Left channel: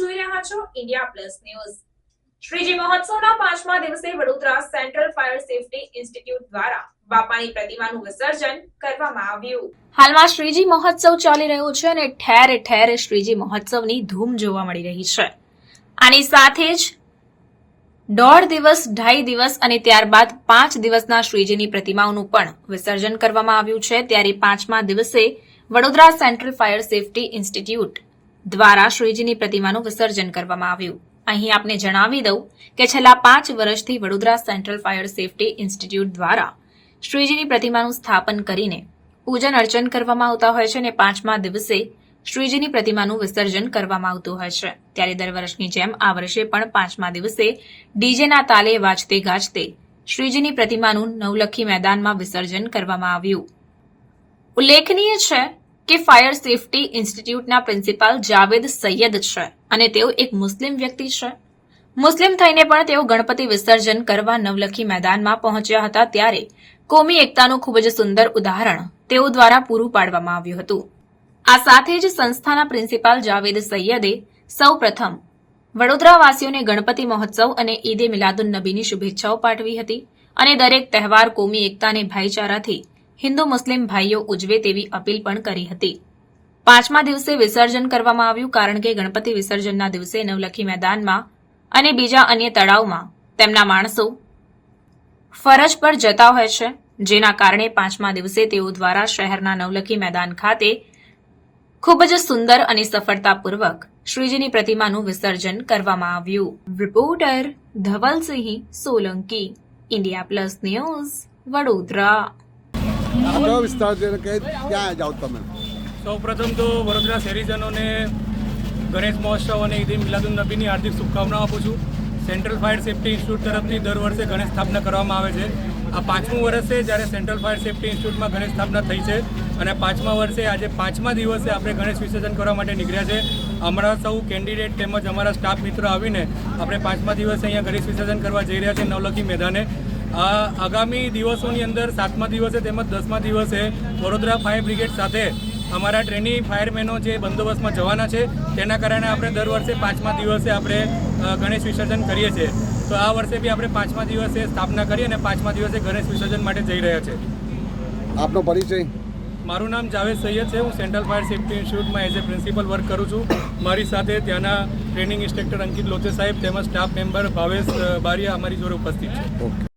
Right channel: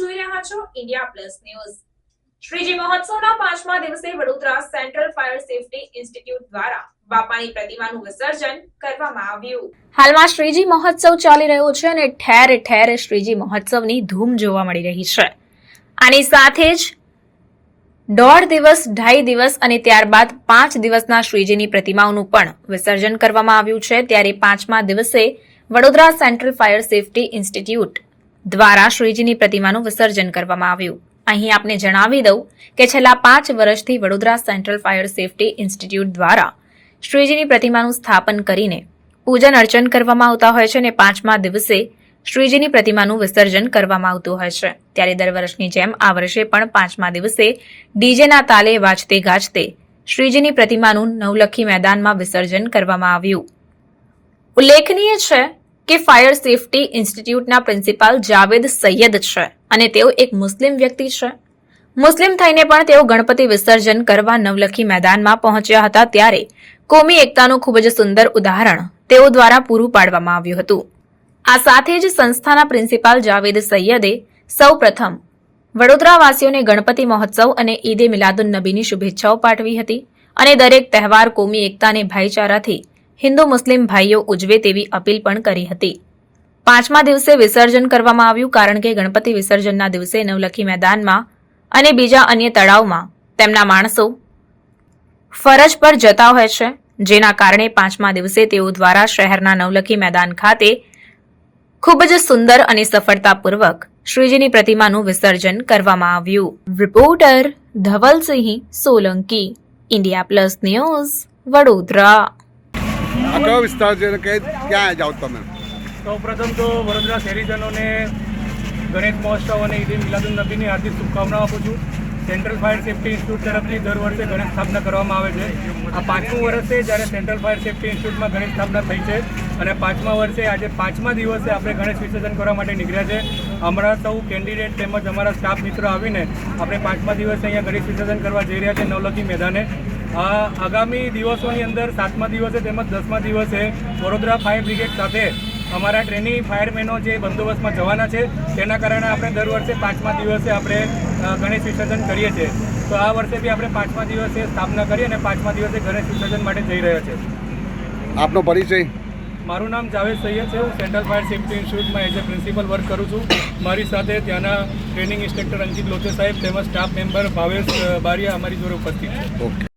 India plus news Shriji મહોત્સવના પાંચમા દિવસે Vadodara central fire safety institute દ્વારા બાપાની પ્રતિમાનું વિસર્જન કરવામાં આવ્યું. હાલમાં શ્રીજી મહોત્સવ ચાલી રહ્યો છે અને ઠેર ઠેર શ્રીજી મહોત્સવની ધૂમ જોવા મળી રહી છે. આની સાથે જ દોઢ દિવસ, ઢાઈ દિવસ અને ત્યારબાદ પાંચ દિવસના શ્રીજીની પ્રતિમાઓનું પણ વિસર્જન કરવામાં આવ્યું છે. ત્યારે પાંચમા દિવસે Vadodara central fire safety institute દ્વારા શ્રીજીની પ્રતિમાનું વિસર્જન કરવામાં આવ્યું. અહીં આપને જણાવી દઉં કે છેલ્લા પાંચ વર્ષથી Vadodara central fire safety institute દ્વારા શ્રીજીની પ્રતિમાનું સ્થાપન કરીને પૂજન અર્ચન કરવામાં આવતા હોય છે અને પાંચમા દિવસે શ્રીજીની પ્રતિમાનું વિસર્જન કરવામાં આવતું હોય છે. ત્યારે દર વર્ષની જેમ આ વર્ષે પણ પાંચમા દિવસે ડીજેના તાલે વાજતે ગાજતે શ્રીજીની પ્રતિમાનું નવલખી મેદાનમાં વિસર્જન કરવામાં આવ્યું. ઉલ્લેખનીય છે કે ફાયર સેફટી ઇન્સ્ટિટ્યૂટના પ્રિન્સિપાલ જાવેદ સૈયદ છે અને તેઓ એક મુસ્લિમ વ્યક્તિ છે. મુસ્લિમ થઈને પણ તેઓ ગણપતિ વિસર્જન કરવા નવલખી મેદાનમાં પહોંચ્યા હતા ત્યારે કોમી એકતાનું ખૂબ જ સુંદર ઉદાહરણ તેઓ દ્વારા પૂરું પાડવામાં આવ્યું હતું. આ સાથે જ સંસ્થાના પ્રિન્સિપાલ જાવેદ સૈયદે સૌ પ્રથમ વડોદરાવાસીઓને ગણપતિ મહોત્સવ અને ઈદે મિલાદુન નબીની શુભેચ્છાઓ પાઠવી હતી અને દરેક તહેવાર કોમી એકતા ભાઈચારાથી હિન્દુ મુસ્લિમ ભાઈઓ ઉજવે તેવી અપીલ પણ કરી હતી. પાંચમા દિવસે વિસર્જન કરવામાં આવ્યું કારણ કે ગણપતિ વિસર્જનના દિવસે નવલખી મેદાનમાં અને બીજા અન્ય તળાવમાં તેમના માણસો ફરજ પર જતા હોય છે, જેના કારણે પાંચમા દિવસે તેઓ દ્વારા શહેરના નવલખી મેદાન ખાતે ખૂબ જ સુંદર અને સફળતાપૂર્વક શ્રીજીની પ્રતિમાનું વિસર્જન કરવામાં આવ્યું. Reporter Dhavalsinh Solanki, India plus news Vadodara. આ કયો વિસ્તાર છે કઈ ક્યાં જાઓ તમે? સૌપ્રથમ તો વડોદરા શહેરીજનોને ગણેશ મહોત્સવ અને ઈદ મિલાદુન નબીની હાર્દિક શુભકામનાઓ આપું છું. સેન્ટ્રલ ફાયર સેફટી ઇન્સ્ટિટ્યૂટ તરફથી દર વર્ષે ગણેશ સ્થાપના કરવામાં આવે છે. આ પાંચમું વર્ષ જ્યારે સેન્ટ્રલ ફાયર સેફટી ઇન્સ્ટિટ્યૂટમાં ગણેશ સ્થાપના થઈ છે અને પાંચમા વર્ષે આજે પાંચમા દિવસે આપણે ગણેશ વિસર્જન કરવા માટે નીકળ્યા છે. હમણાં સૌ કેન્ડિડેટ તેમજ અમારા સ્ટાફ મિત્રો આવીને આપણે પાંચમા દિવસે અહીંયા ગણેશ વિસર્જન કરવા જઈ રહ્યા છે નવલખી મેદાને. આગામી દિવસોની અંદર સાતમા દિવસે તેમજ દસમા દિવસે વડોદરા ફાયર બ્રિગેડ સાથે અમારા ટ્રેની ફાયરમેનો જે બંદોબસ્તમાં જવાના છે તેના કારણે આપણે દર વર્ષે પાંચમા દિવસે આપણે ગણેશ વિસર્જન કરીએ છીએ. તો આ વર્ષે બી આપણે પાંચમા દિવસે સ્થાપના કરી અને પાંચમા દિવસે ગણેશ વિસર્જન માટે જઈ રહ્યા છે. આપનો પરિચય? મારું નામ જાવેદ સૈયદ છે. હું સેન્ટ્રલ ફાયર સેફ્ટી ઇન્સ્ટિટ્યૂટમાં એઝ એ પ્રિન્સિપલ વર્ક કરું છું. મારી સાથે ત્યાંના ટ્રેનિંગ ઇન્સ્ટ્રક્ટર અંકિત લોચે સાહેબ તેમજ સ્ટાફ મેમ્બર ભાવેશ બારિયા અમારી જોડે ઉપસ્થિત છે. ઓકે.